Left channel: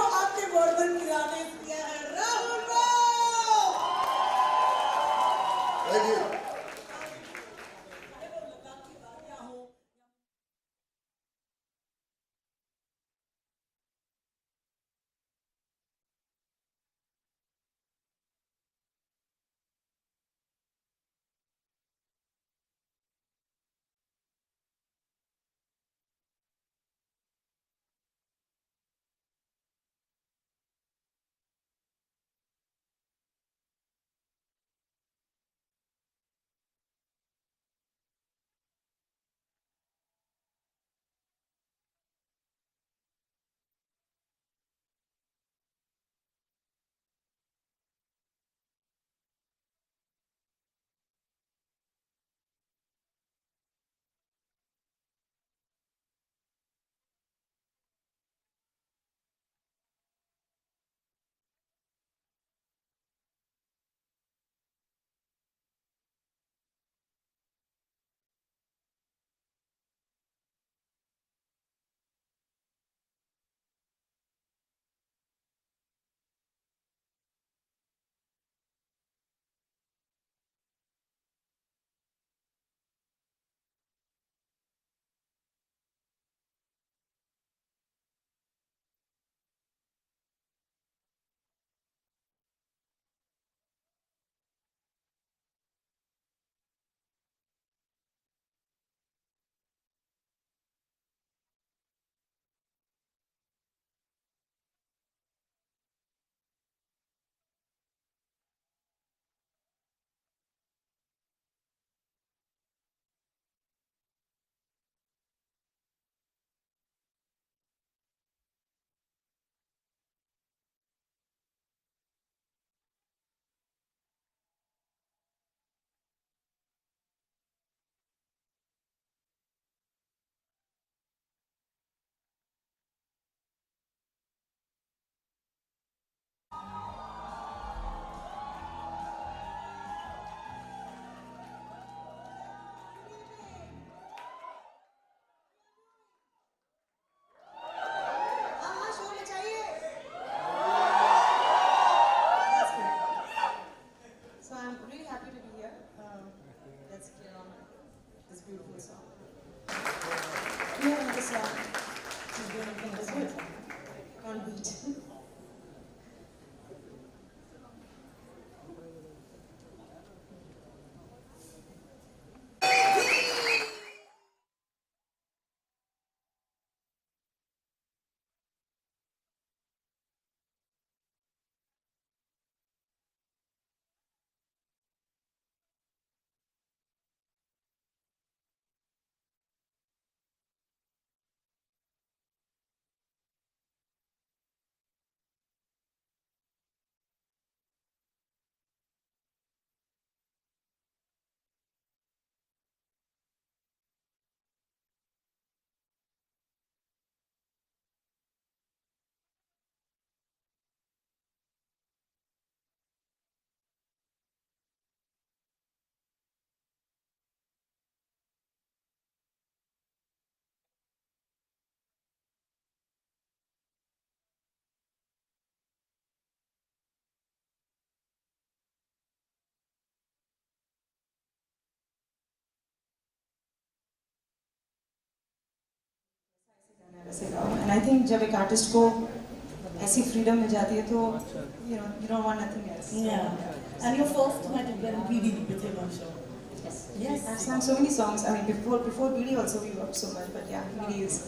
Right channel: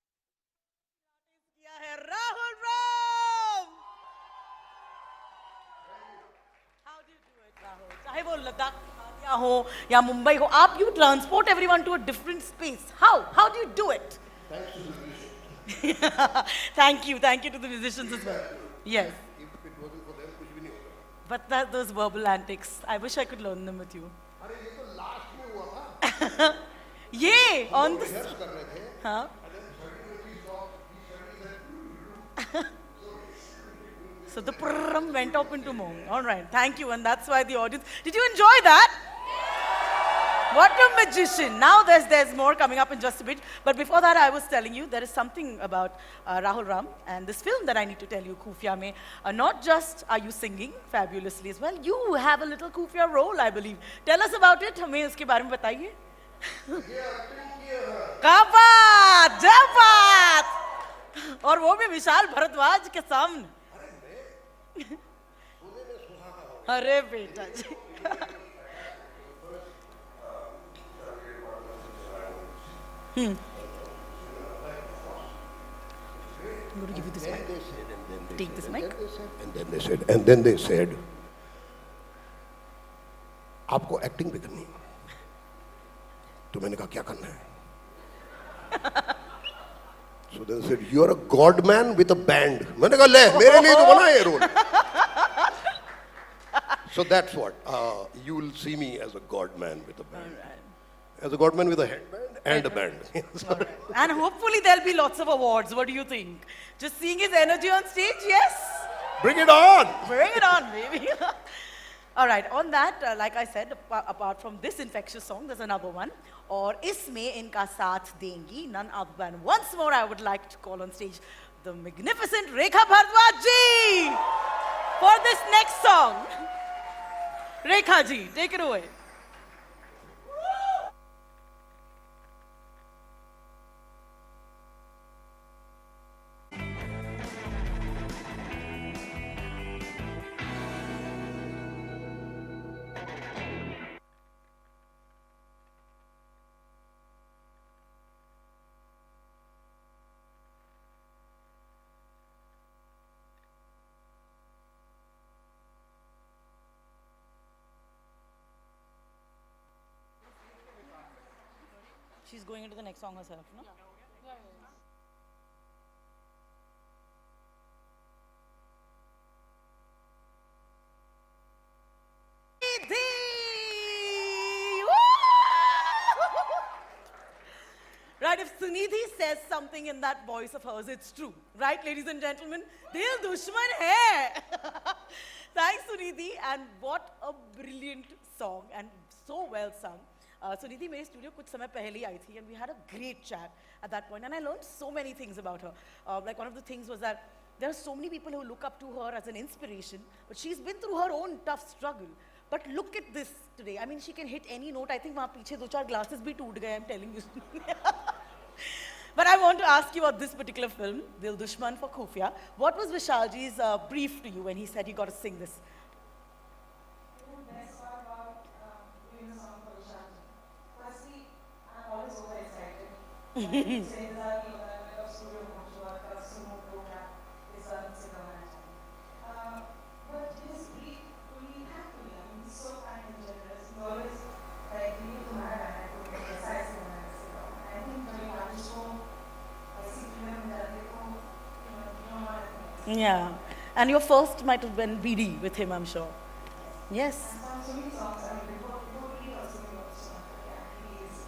जो आपके वर्धन किराने किया है राहुल चाहे वो लद्दाख या हो या मुंबई हो, आप you transport everyone to a different space. How do you do it? Thank you to the musicians as well. Yes. If it wasn't for them, कुछ भी नहीं होता। But those verbal antics, I wish I could learn them with you. अरे ये तो last में हुआ था। ये on the रिहर्स कर रहे थे। हाँ. So the prrrrum went up into moan. All right, thank you, and that's why the audience. Did you enjoy that? What a magician! Now there's more coming up in just a bit. But before that, I was telling you there is something about Rahul Ram and this film that I need to tell you, Khufia mein. Not just are you singing fabulously as well, you have a little Khufia role, I believe. Tell us about it. हमें उसके बारे में बताइए. क्या बात! और वो भी विशाल भारद्वाज के सामने. अरे बेटा जी. I'm going to give you this mic. Take this mic. And then they said, आपको एक्टिंग भी करनी है। तो मैंने कहा क्या करना है? So they said, you're a god man with a band. मैंने कहा ले मेरे लिए तो बना ये role. So that's what you will see me as a god man with a band, as a god man with a headband and a band. Right. And hopefully there'll be lots of awards. What do you think? Just seeing his energy on stage, yes? Bring it on! Bring it on, baby. All right, on that, like I said, apart from this infectious song, there's another one. और इसमें इनका साथ देंगी none other than once more I would like to call on stage the magnificent Rekha Bhardwaj ji for this next song. Rekha ji, take it away. So I'm really happy to be here. Let's get on this beautiful song. Do you have another song? Can't beat. Right, if Sunidhi says something in that voice of hers, it's true. Right, ladies and gentlemen? Dil dushman hai. Thanks, Sunidhi. And what a brilliant song and so well sung. Sunidhi मेरे studio कुछ समय पहले ही आई थी and we had a great chat at that point and I learned so many things about her. Like one of the things was that there are so many people who look up to her as an inspiration, but she's been through her own tough struggle. But look at this today. I mean, she can hit any note. I think वहाँ पीछे 2-4 glasses भी टूट गए. I'm telling you. But I want to ask you about this particular film, Dil Dushman for Khufia. What was Vishalji's brief to you when he said he got to sing this? And I think जब एक artist को ऐसी freedom मिल जाती है तो you don't want nothing else. Yeah. And your first might have been BD with him, I'm sure. Yes. I've sung so many songs. I mean, before BD also we worked so much, but yeah, BD is.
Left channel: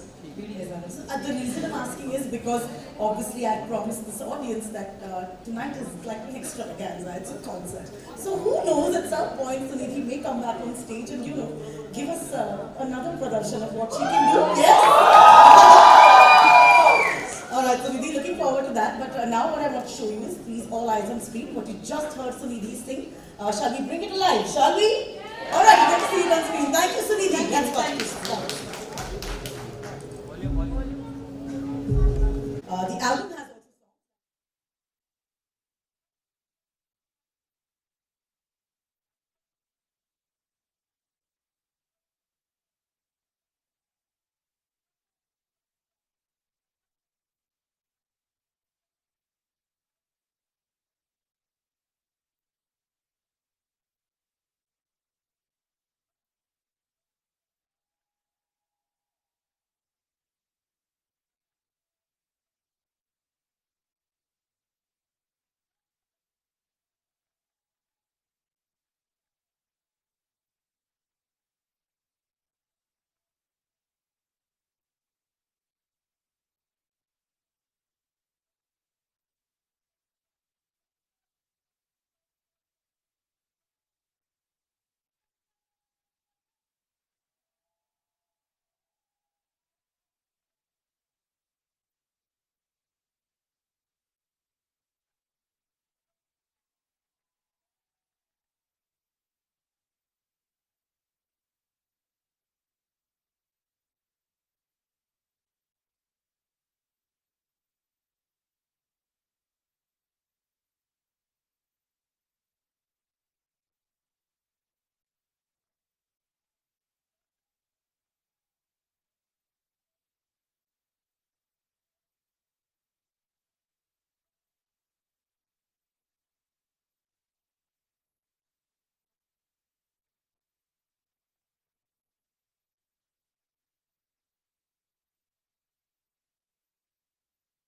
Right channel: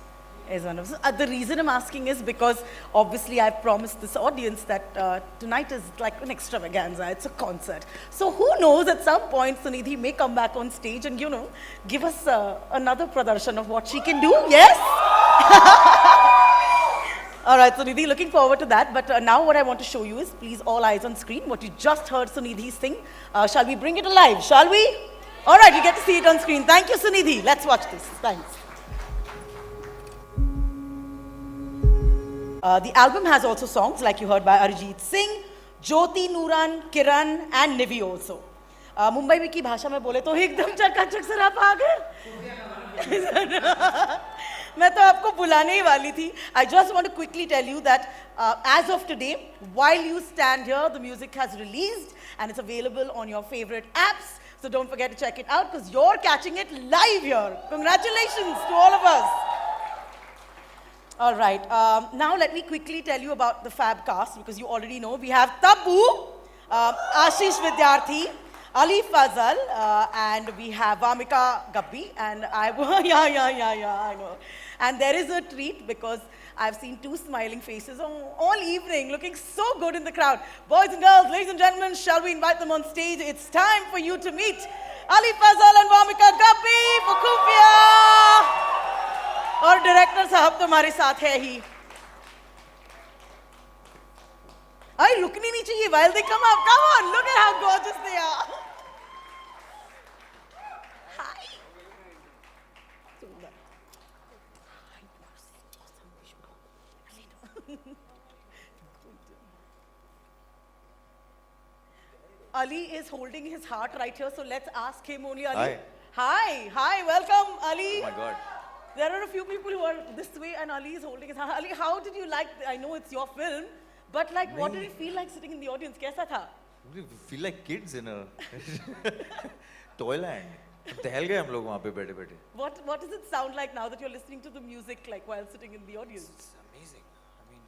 Is one of them. The reason I'm asking is because obviously I've promised this audience that tonight is like an extravaganza, it's a concert. So who knows, at some point Sunidhi may come back on stage and give us another pradarshan of what she can do, yes? Alright Sunidhi, looking forward to that, but now what I want to show you is, please all eyes on screen, what you just heard Sunidhi sing. Shall we bring it alive, shall we? Alright, you get to see it on screen. Thank you Sunidhi, let's watch this. Thank you. The album has also songs like you heard by Arijit Singh, Jyoti Nuran, Kiran and Nivi also. Mumbai की भाषा में बोले तो एकदम चकाचक सराप आ गए. मैं तो आपको बुलाने ही वाली थी. I just want to quickly tell you that as of today, while you stand here, the music has released and it's available on your favorite apps. So don't forget to check it out because you're catching it live here. Congratulations to all of us. All right. Now let me quickly tell you about the Fab cast because you already know. We have Tabu, Ashish Vidyarthi, Ali Fazal, and we have Vamika Gabbi, and I know. And there is a treat because I've seen two smiling faces all evening, looking so good in the crowd. Boys and girls, ladies and gentlemen, shall we invite them on stage? It's time for you to meet Ali Fazal and Vamika Gabbi for Khufia. और director साहब तो हमारे साथ है ही. अरे रुकनी नहीं चाहिए. While they come up, come on, look at how gorgeous they are. Hi. Ali is holding his heart right here, so let's ask him only. Ali. Hi, welcome, Ali. Oh my God. There are a few people who are this way, and Ali is holding his hand. Ali, how did you like? I know it's your film, but like, what did it feel like sitting in the audience? कैसा था? We feel like kids in a toyland. टहल गए हम लोग वहाँ पे बैठे-बैठे. What does it sound like now that you're listening to the music, like while sitting in the audience? It's amazing. I mean,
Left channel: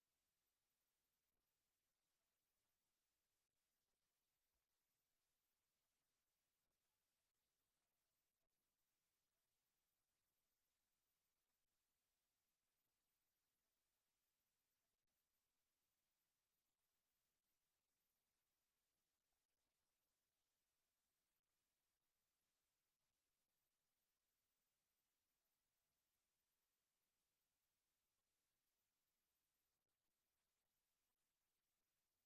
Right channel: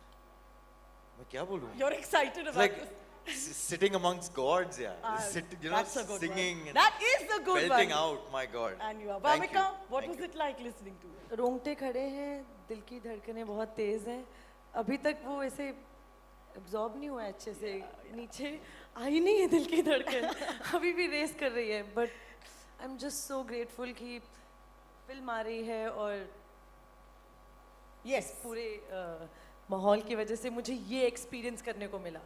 मैं क्या बोलूँ? You're excited It's about like this. sitting amongst gods, yeah. That's a good singing one. and That is a good belting one. out. My God. And you are. Thank Vamika, you. what Thank was you. it like listening to it? रोंगटे खड़े हैं, दिल की धड़कनें बहुत तेज हैं. अभी तक वो ऐसे एब्जॉर्ब नहीं हुआ है अच्छे से. नीचे आई नहीं है दिल की धड़कन. अभी भी रेस कर रही है. But I am just so grateful कि फिल्म आ रही है और Yes. पूरे माहौल की वजह से मुझे ये एक्सपीरियंस करने को मिला.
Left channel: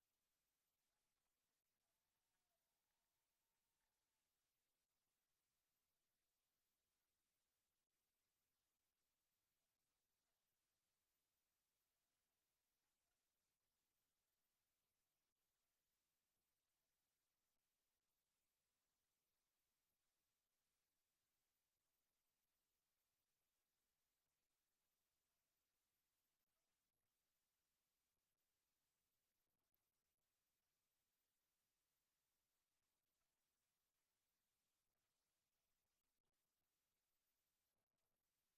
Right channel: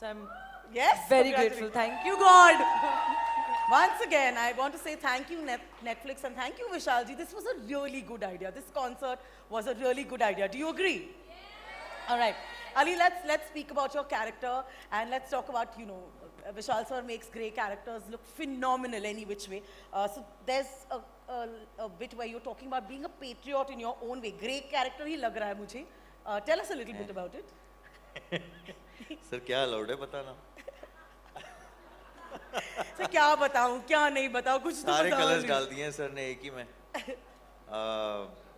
So I am Yes. Very grateful. Thank you god. Once again, I want to say thank you Netflix and thank you Vishal ji. This was a really good idea. This concert was a really good idea. Do you agree? Yeah. All right. Ali, let's speak about your character and let's talk about, Vishal sir makes grey characters look phenomenal any which way. So there's a bit where you're talking about being a patriot in your own way. Grey character ही लग रहा है मुझे. Tell us a little bit about it. Sir क्या allowed है बताना? Sir क्या बताऊं क्या नहीं बताऊं कुछ तो सारे बताओ कलर्स नहीं. डाल दिए हैं सर ने एक ही में.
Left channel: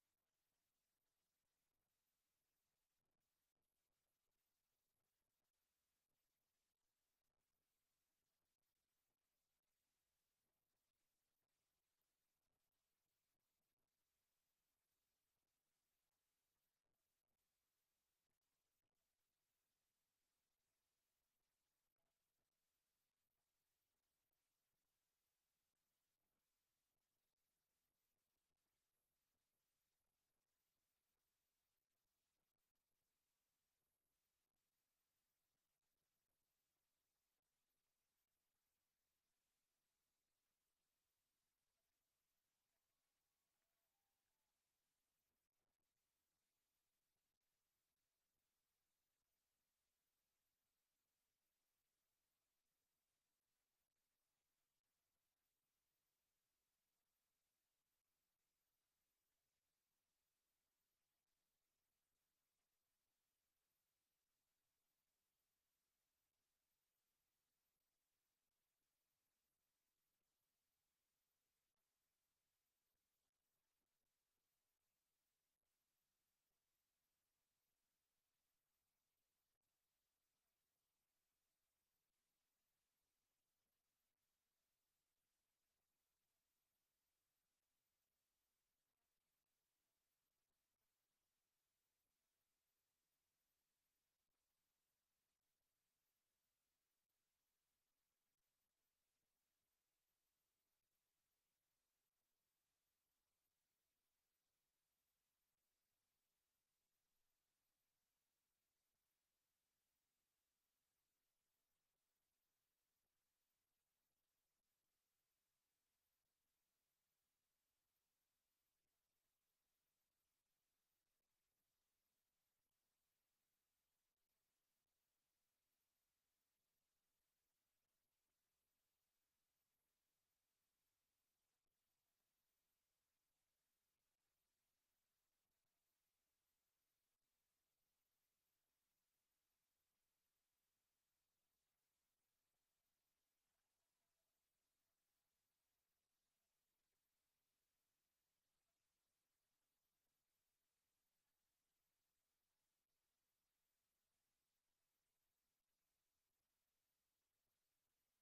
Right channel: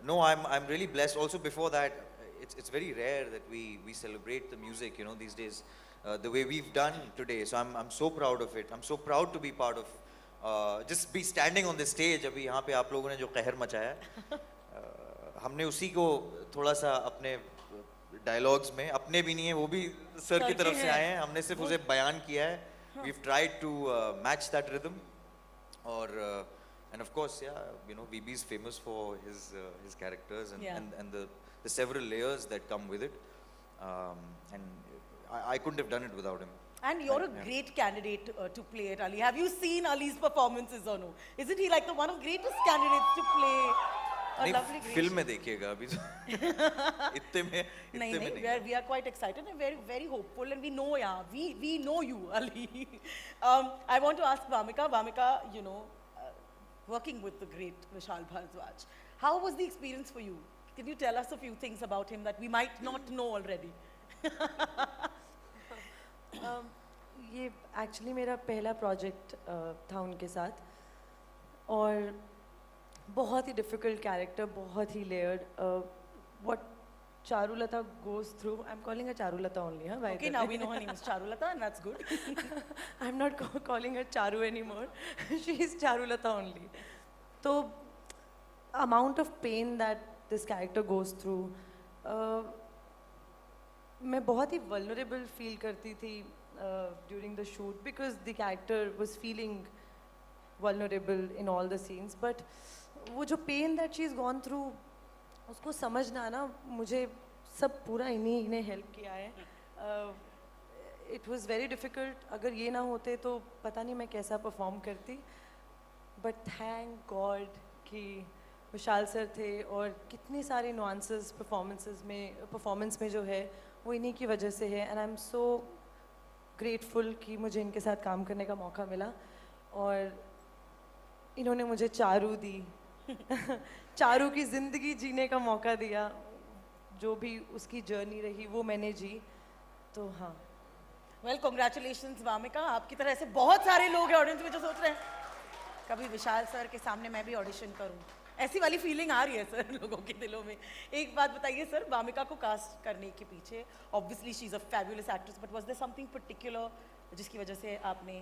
No, I'm really blessed. Also before that, it's very rare that we celebrate the music, these days, the way we've done today. So I'm so proud of it. I'm so proud to be part of just be standing on the stage. अभी यहाँ पे आप लोगों ने जो कहर मचाया है, हमने उसी को थोड़ा सा अपने डायलॉग्स में, अपने भी नहीं है वो भी सर की तरफ से आए हैं. हमने सिर्फ उसे बयान किया है. We've tried to match that rhythm, and of course, VB is famous for his characters and the several layers that come with it, and I couldn't have done it without him. And you're a great candidate to play it, Ali. Have you seen Ali's performances or no? Isn't he like the one of greatest candidates to play a lovely नहीं film में देखिएगा अभी तो इतने में नहीं. We are quite excited and very very hopeful and we know we know you, Ali. I want to ask Vamika, working with the great Vishal Bhardwaj, how was the experience for you? Can you tell us a few things about him that we might not know already? ये actually मेरा पहला project था उनके साथ और बहुत ही difficult character, बहुत ही layered. What Charulata goes through, I'm calling her Charulata only, huh? Okay, now we know her name is Charulata and that's good. I'm not calling her Charu anymore. She is Charulata only. So, amount of pain that this character goes through, मैं बहुत ही vulnerable feel करती थी during the shoot because the character was feeling vulnerable in all the scenes. But वो जो pain that she's gone through, उसको समझना ना, मुझे सब पूरा इन्हीं ने हेल्प किया है. It was very difficult. अगर ये ना होते तो पता नहीं मैं कैसा परफॉर्म करती. But thank God कि विशाल सर थे और कितने सारे nuances परफॉर्मेंस में जो है वो इन्हीं की वजह से है. And I'm so grateful कि मुझे इनके साथ काम करने का मौका मिला और इन्होंने मुझे चारू दी. चारू की जिंदगी जीने का मौका दिया, जो भी उसकी जर्नी रही वो मैंने जी, तो हाँ। वेल कॉन्ग्रेचुलेशंस वामिका, आपकी तरह ऐसे बहुत सारे लोग हैं ऑडियंस में जो सोच रहे हैं कभी विशाल सर के सामने मैं भी ऑडिशन करूं, ऐसी वाली फीलिंग आ रही है सर लोगों के दिलों में। एक बात बताइए सर, वामिका को कास्ट करने के पीछे obviously she is a fabulous actress, but was there something particular जिसकी वजह से आपने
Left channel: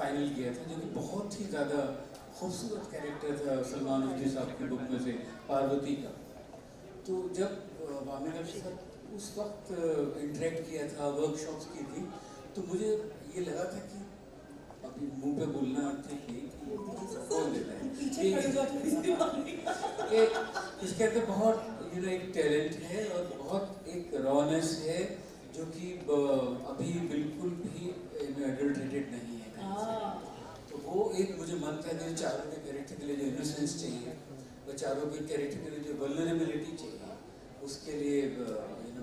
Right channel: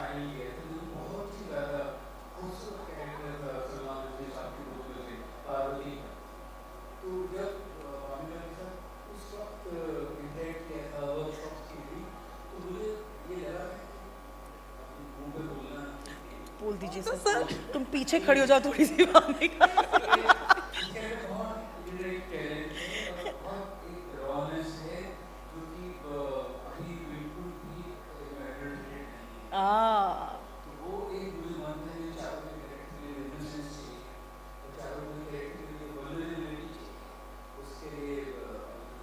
फाइनल किया था, जो कि बहुत ही ज़्यादा खूबसूरत कैरेक्टर था सलमान रुश्दी साहब की बुक में से पार्वती का। तो जब वामिका के साथ उस वक्त इंटरेक्ट किया था, वर्कशॉप्स की थी, तो मुझे ये लगा था कि अभी मुंह पे बोलना ठीक है, बोल दीजिए सर, तुम पीछे खड़े हो जाओ थोड़ी सी वामिका। इसके अंदर बहुत इनडायरेक्ट टैलेंट है और बहुत एक रॉनेस है जो कि अभी बिल्कुल भी एडल्टरेटेड नहीं है। तो वो एक मुझे मन था, मेरे चारों के कैरेक्टर के लिए इनोसेंस चाहिए और चारों के कैरेक्टर के लिए वल्नरेबिलिटी चाहिए, उसके लिए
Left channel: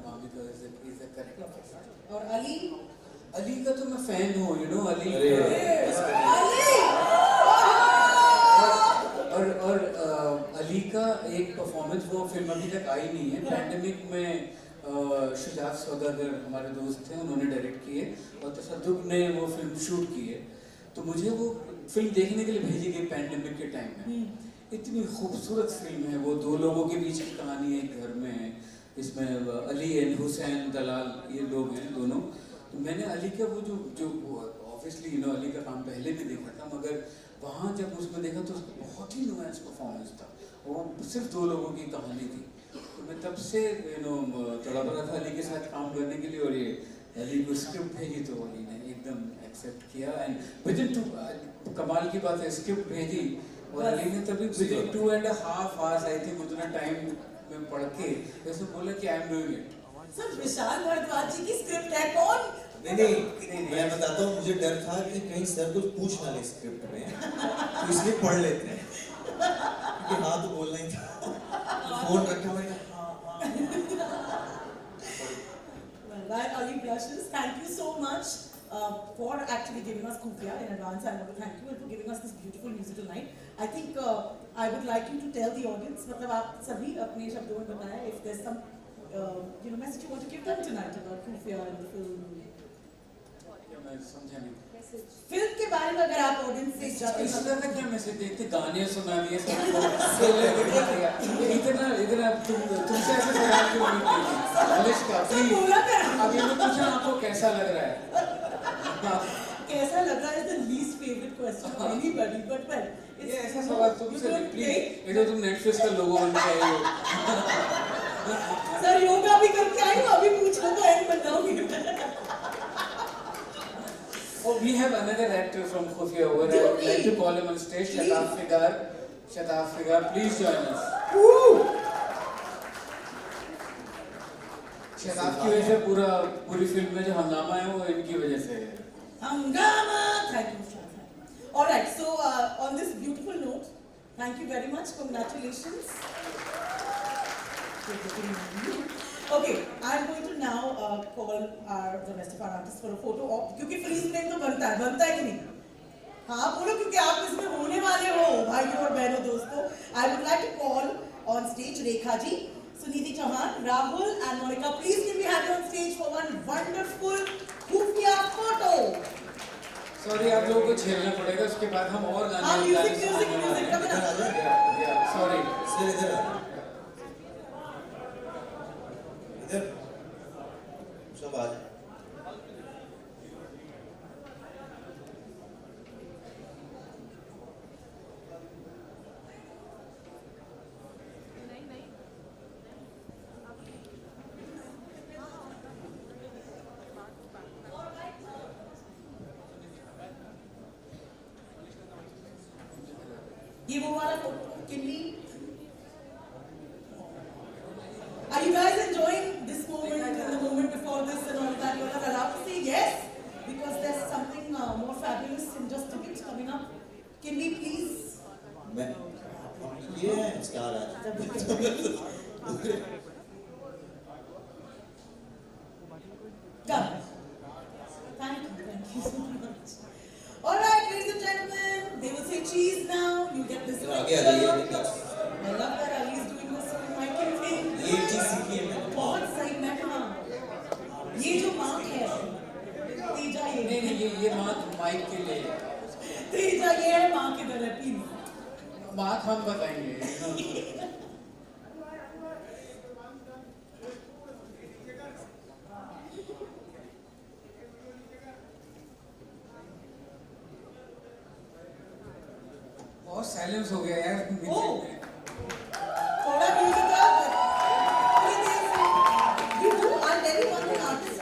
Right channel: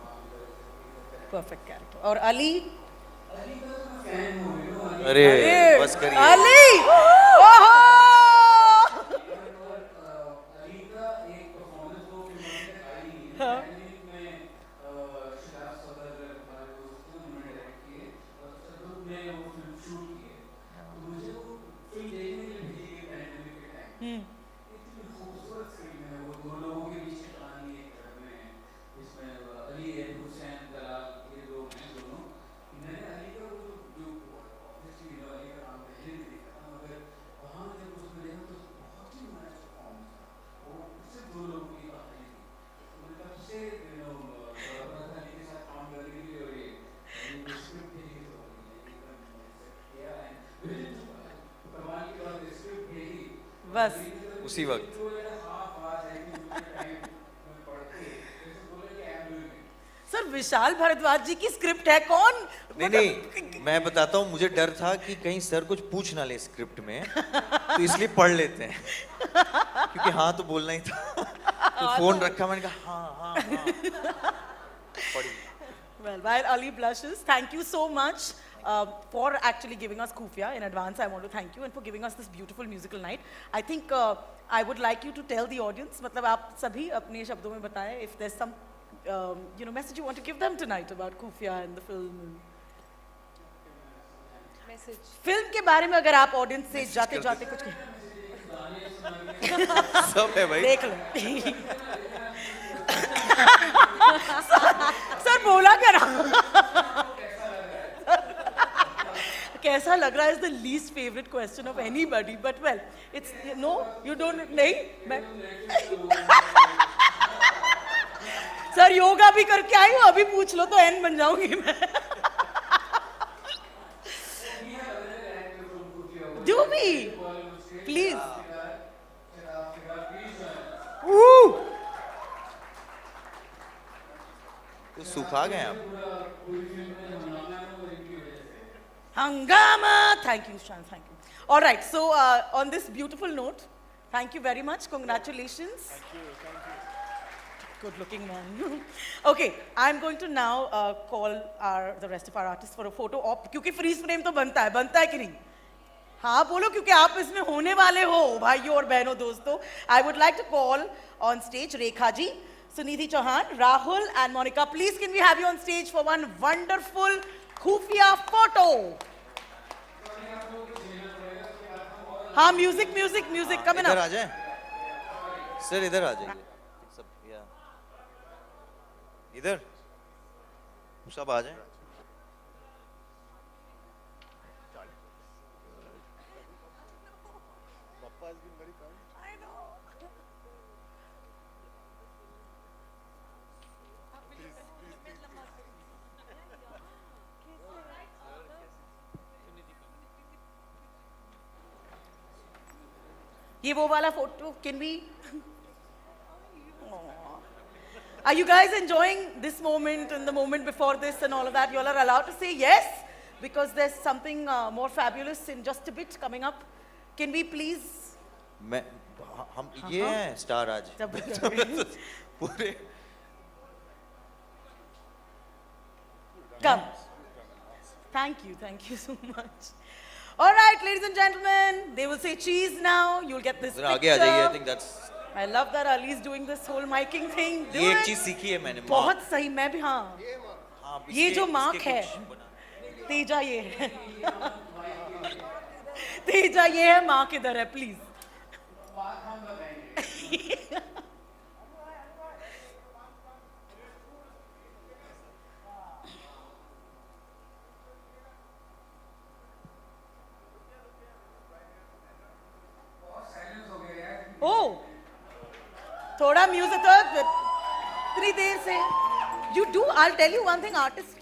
Wamiqa is a perfect character. और अली का तो मैं फैन हूँ, यू नो अली। अरे बस करिए। अली और अली का एक परफॉर्मेंस, वो फिल्म अभी तक आई नहीं है, पैंडेमिक में शुजात सौदागर हमारे दोस्त थे, उन्होंने डायरेक्ट किए और तसद्दुक ने वो फिल्म शूट की है, तो मुझे वो फिल्म देखने के लिए भेजी गई पैंडेमिक के टाइम में। इतनी खूबसूरत फिल्म है वो, दो लोगों के बीच की कहानी है, एक घर में है, इसमें अली एंड हुसैन दलाल ये लोग हैं दोनों। मैंने अली का वो जो ऑब्वियसली यू नो अली का काम पहले भी देखा था, मगर वहाँ जब उसमें देखा तो उसका बहुत ही नुआंस परफॉर्मेंस था, वो सिर्फ दो लोगों की कहानी थी। तो मैं तब से यू नो तड़प रहा था अली के साथ काम करने के लिए, और ये अली को स्क्रिप्ट भेजी तो अली ने एकदम एक्सेप्ट किया। एंड विद इन कमाल की बात है, स्क्रिप्ट भेजी अली ने तभी 2.5 hours आई थिंक उतना टाइम में पढ़ के वैसे बोला कि I am doing it. Sir Vishal Bhardwaj ji की स्क्रिप्ट है, कौन? नहीं, मैं बताता हूँ, मुझे डर था कि कहीं सर कुछ पूछ ना ले स्क्रिप्ट में, तो इसलिए पढ़ लेते हैं, क्योंकि हाँ तो बोलना ही था। तो फोन रखा, मैंने कहा हाँ। Well, while Ali blushes, thank you so much for actually giving us Khufia in advance. I want to thank you and for giving us this beautiful musical night. I think I would like you to tell the audience, मतलब आप सभी अपने शब्दों में बताएं, if there's some message you want to give them tonight about Khufia and the film. Film के बारे में अगर आप ऑडियंस से जाते जाते क्या मैसेज देख के गाने सुना दिए सब है भाई। इतना सर बोला करा। आपको कैसा लग रहा है? कैसा लग रहा है is the least favorite question of anybody, but well, it's you don't play. मेरे तो नेटफ्लिक्स का लोगो होना चाहिए। सर योगा भी करके आई हूँ, अभी पूछ लो तो एंड बन जाऊंगी मैं। Oh, we have another actor from Khufia. Do I'd we? like to call him on stage. Please. Shadaf Figar, please join us. Woo! Shadab की वजह से पूरी फिल्म में जो हंगामा है वो इनकी वजह से है। Hangama! Thank you, Shan. Thank you. All right, so on this beautiful note, thank you very much. Congratulations. Okay, I'm going to now call the rest of our artists for a photo op, क्योंकि freeze frame तो बनता है कि नहीं? हाँ बोलो, क्योंकि आप इसमें होने वाले हो भाइयों और बहनों दोस्तों। I would like to call on stage Rekha ji, Sunidhi Chauhan, Rahul and Monica. Please can we have you on stage for one wonderful Khufia photo? Sorry, आप लोगों को झेलना पड़ेगा, उसके बाद हम और हाँ म्यूजिक कम इधर आ जाए। सॉरी सर इधर आ जाए। इधर सब आ जाए। ये वो वाला photo, can we? Are you guys enjoying this moment and the moment before this and all of that? You all are allowed to say yes, because there's something more fabulous in just a bit coming up. Can we please? हम ये हैं star आज। पूरे Come. Thank you so much. All right, ladies and gentlemen, they will say cheese now. You'll get this जरा आगे आ जाइए, I think picture. that's- I love that Ali is doing this whole miking thing. Do ये एक it. चीज सीखी है मैंने। बहुत सही, मैं भी हाँ. ये जो मार्क है, तेजा ये है. ये माइक के लिए तेजा ये है, मार्क इधर है, प्लीज. बात हम बताएंगे। बहुत साइलेंस हो गया यार। Oh. थोड़ा म्यूजिक कर. 3 days से. You do. I'll tell you one thing, artists